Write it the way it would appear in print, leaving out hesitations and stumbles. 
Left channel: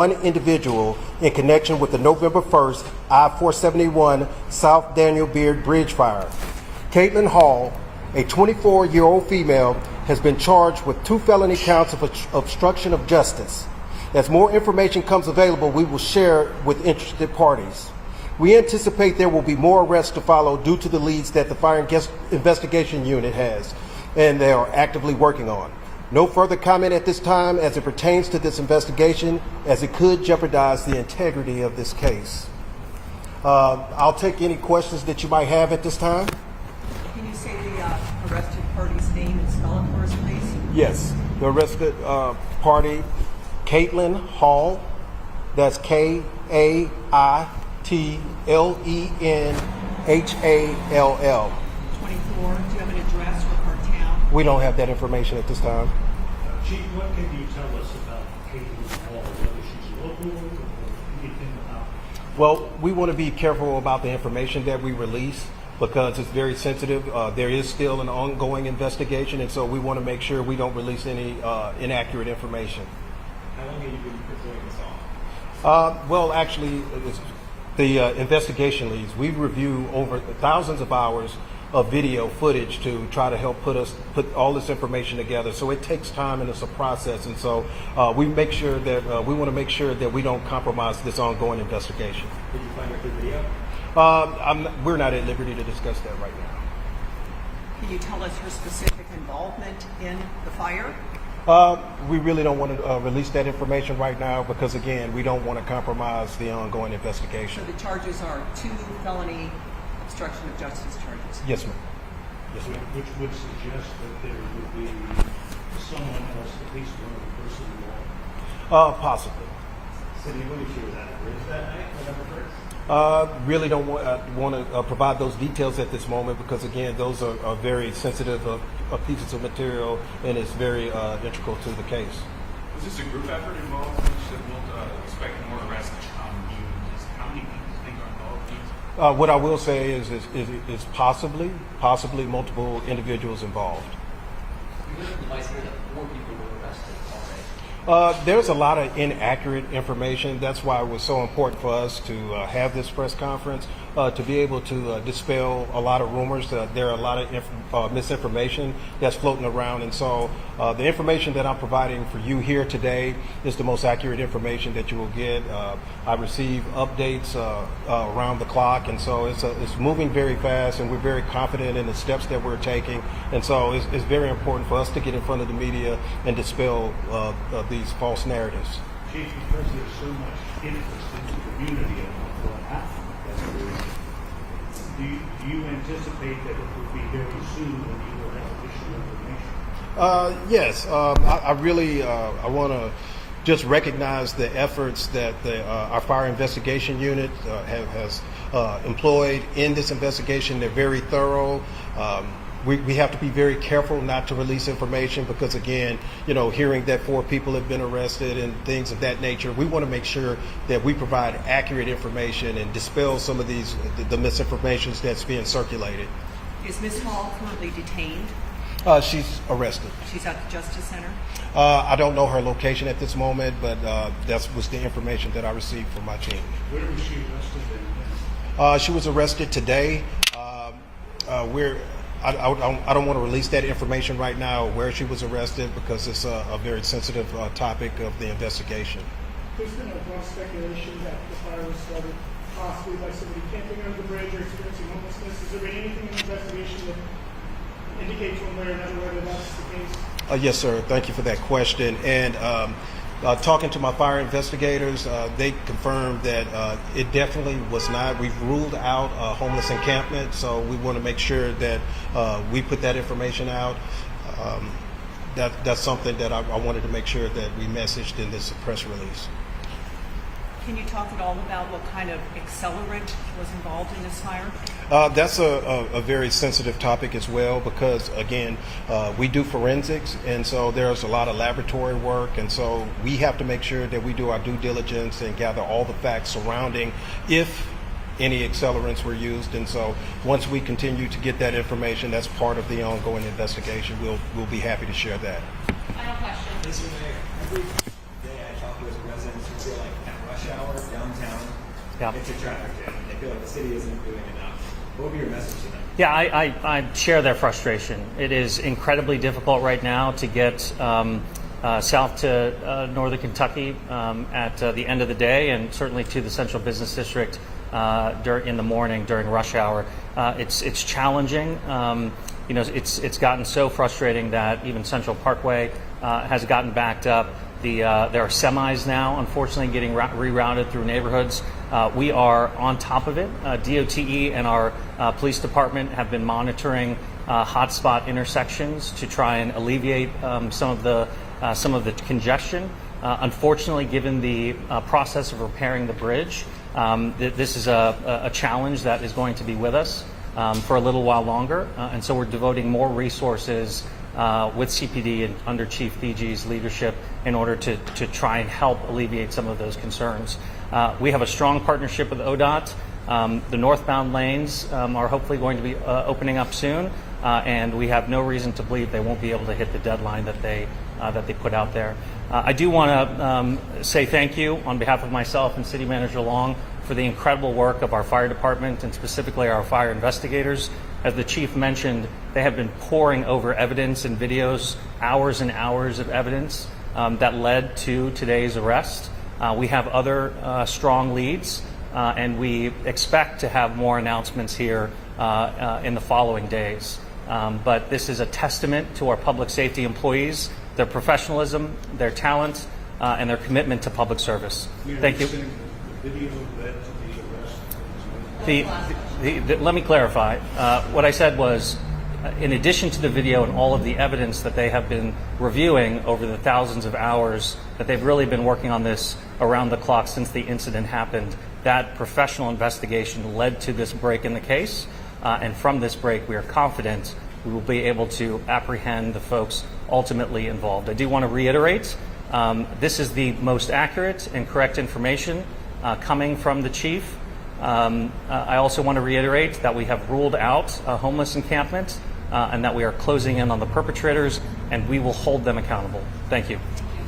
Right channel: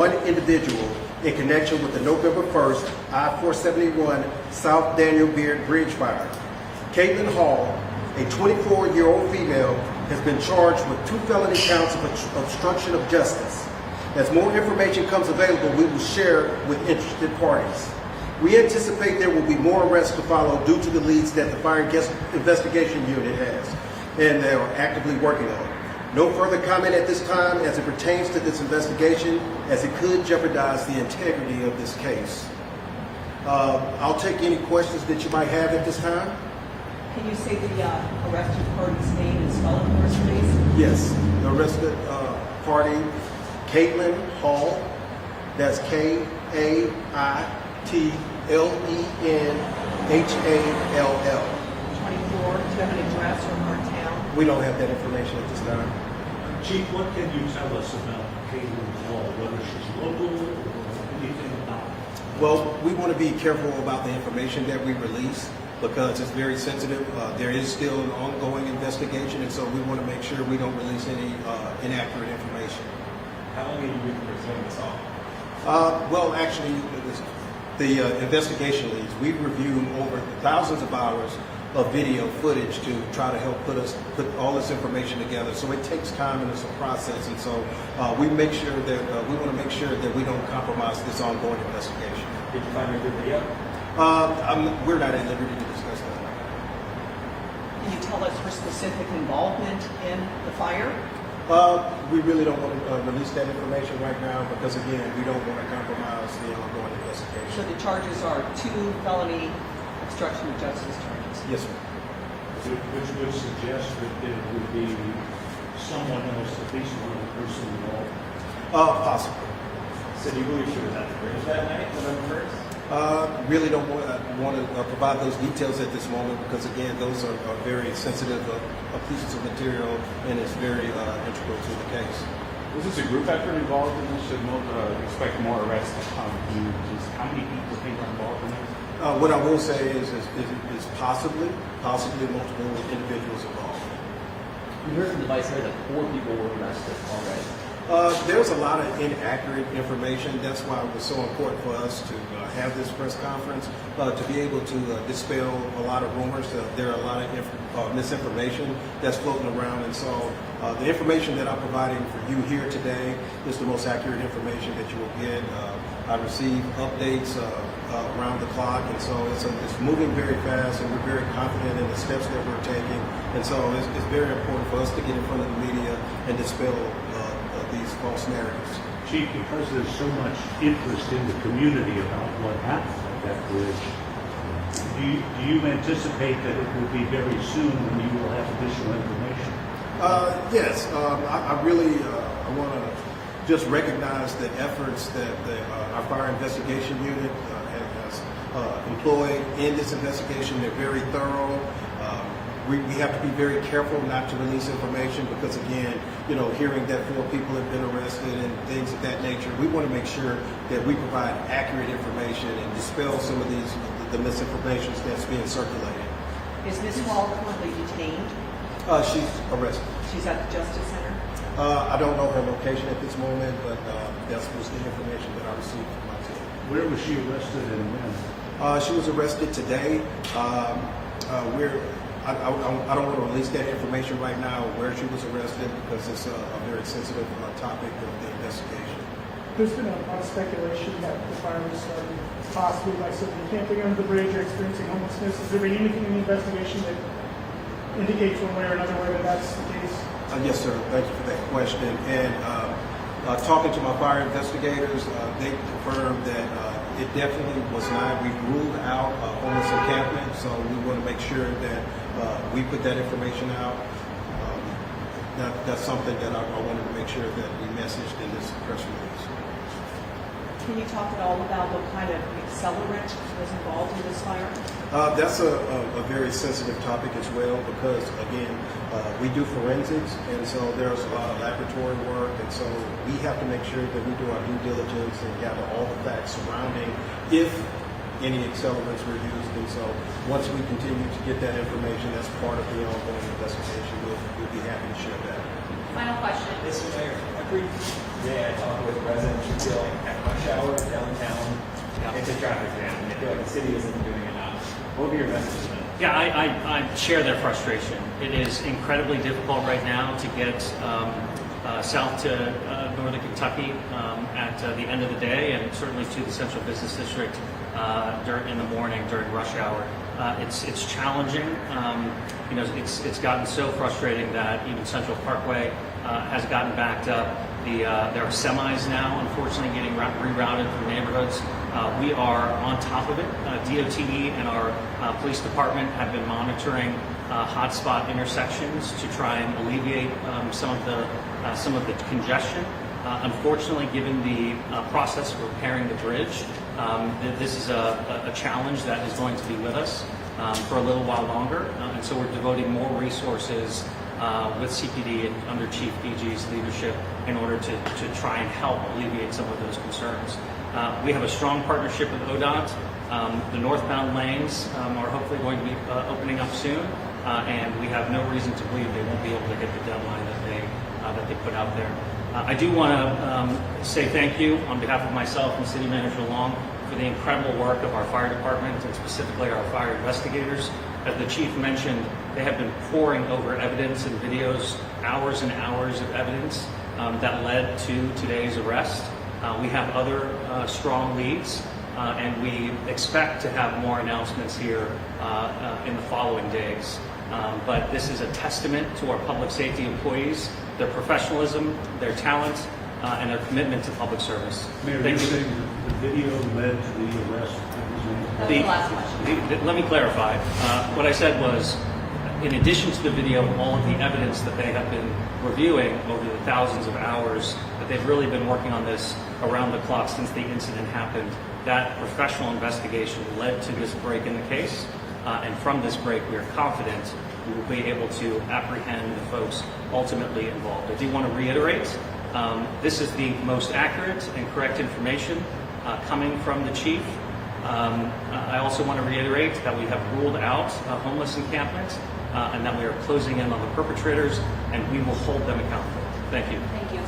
one individual in connection with the November 1st I-471 South Daniel Beard Bridge fire. Caitlin Hall, a 24-year-old female, has been charged with 2 felony counts of obstruction of justice. As more information comes available, we will share with interested parties. We anticipate there will be more arrests to follow due to the leads that the Fire Investigation Unit has, and they are actively working on. No further comment at this time as it pertains to this investigation, as it could jeopardize the integrity of this case. I'll take any questions that you might have at this time. Can you say the arrested party's name and spell it for us, please? Yes, the arrested party, Caitlin Hall. That's K-A-I-T-L-E-N-H-A-L-L. 24. Do you have an address or her town? We don't have that information at this time. Chief, what can you tell us about Caitlin Hall, whether she's local or anything about it? Well, we want to be careful about the information that we release because it's very sensitive. There is still an ongoing investigation, and so we want to make sure we don't release any inaccurate information. How long have you been pursuing this all? Well, actually, the investigation leads. We review over thousands of hours of video footage to try to help put all this information together. So it takes time and it's a process, and so we make sure that we want to make sure that we don't compromise this ongoing investigation. Did you find a good video? We're not at liberty to discuss that right now. Can you tell us her specific involvement in the fire? We really don't want to release that information right now because, again, we don't want to compromise the ongoing investigation. So the charges are 2 felony obstruction of justice charges. Yes, ma'am. Which would suggest that it would be someone else, at least one person involved. Possibly. So do you believe she was at the bridge that night, November 1st? Really don't want to provide those details at this moment because, again, those are very sensitive pieces of material and it's very integral to the case. Was this a group effort involved? We should expect more arrests to come. How many people think are involved in this? What I will say is possibly multiple individuals involved. We heard from the vice mayor that 4 people were arrested already. There's a lot of inaccurate information. That's why it was so important for us to have this press conference, to be able to dispel a lot of rumors. There are a lot of misinformation that's floating around. And so the information that I'm providing for you here today is the most accurate information that you will get. I receive updates around the clock. And so it's moving very fast, and we're very confident in the steps that we're taking. And so it's very important for us to get in front of the media and dispel these false narratives. Chief, because there's so much interest in the community about what happened at that bridge, do you anticipate that it will be very soon when you will have additional information? Yes, I really want to just recognize the efforts that our Fire Investigation Unit has employed in this investigation. They're very thorough. We have to be very careful not to release information because, again, hearing that 4 people have been arrested and things of that nature, we want to make sure that we provide accurate information and dispel some of the misinformation that's being circulated. Is Ms. Hall currently detained? She's arrested. She's at the Justice Center? I don't know her location at this moment, but that was the information that I received from my team. Where was she arrested and when? She was arrested today. I don't want to release that information right now where she was arrested because it's a very sensitive topic of the investigation. There's been a lot of speculation that the fire was started possibly by somebody camping under the bridge or experiencing homelessness. Has there been anything in the investigation that indicates one way or another whether that's the case? Yes, sir. Thank you for that question. And talking to my fire investigators, they confirmed that it definitely was not. We've ruled out homeless encampment, so we want to make sure that we put that information out. That's something that I wanted to make sure that we messaged in this press release. Can you talk at all about what kind of accelerant was involved in this fire? That's a very sensitive topic as well because, again, we do forensics, and so there's a lot of laboratory work, and so we have to make sure that we do our due diligence and gather all the facts surrounding if any accelerants were used. And so once we continue to get that information, that's part of the ongoing investigation. We'll be happy to share that. Final question. Mr. Mayor, today I talked with residents who feel like at rush hour downtown, Yeah. it's a traffic jam, and they feel like the city isn't doing enough. What would be your message to them? Yeah, I share their frustration. It is incredibly difficult right now to get south to northern Kentucky at the end of the day, and certainly to the central business district in the morning during rush hour. It's challenging. It's gotten so frustrating that even Central Parkway has gotten backed up. There are semis now, unfortunately, getting rerouted through neighborhoods. We are on top of it. DOTE and our police department have been monitoring hotspot intersections to try and alleviate some of the congestion. Unfortunately, given the process of repairing the bridge, this is a challenge that is going to be with us for a little while longer, and so we're devoting more resources with CPD and under Chief DG's leadership in order to try and help alleviate some of those concerns. We have a strong partnership with ODOT. The northbound lanes are hopefully going to be opening up soon, and we have no reason to believe they won't be able to hit the deadline that they put out there. I do want to say thank you on behalf of myself and City Manager Long for the incredible work of our fire department and specifically our fire investigators. As the chief mentioned, they have been poring over evidence and videos, hours and hours of evidence that led to today's arrest. We have other strong leads, and we expect to have more announcements here in the following days. But this is a testament to our public safety employees, their professionalism, their talent, and their commitment to public service. Mayor, Thank you. saying the video led to the arrest of his That's the last question. Let me clarify. What I said was, in addition to the video and all of the evidence that they have been reviewing over the thousands of hours that they've really been working on this around the clock since the incident happened, that professional investigation led to this break in the case. And from this break, we are confident we will be able to apprehend the folks ultimately involved. I do want to reiterate, this is the most accurate and correct information coming from the chief. I also want to reiterate that we have ruled out a homeless encampment and that we are closing in on the perpetrators, and we will hold them accountable. Thank you. Thank you.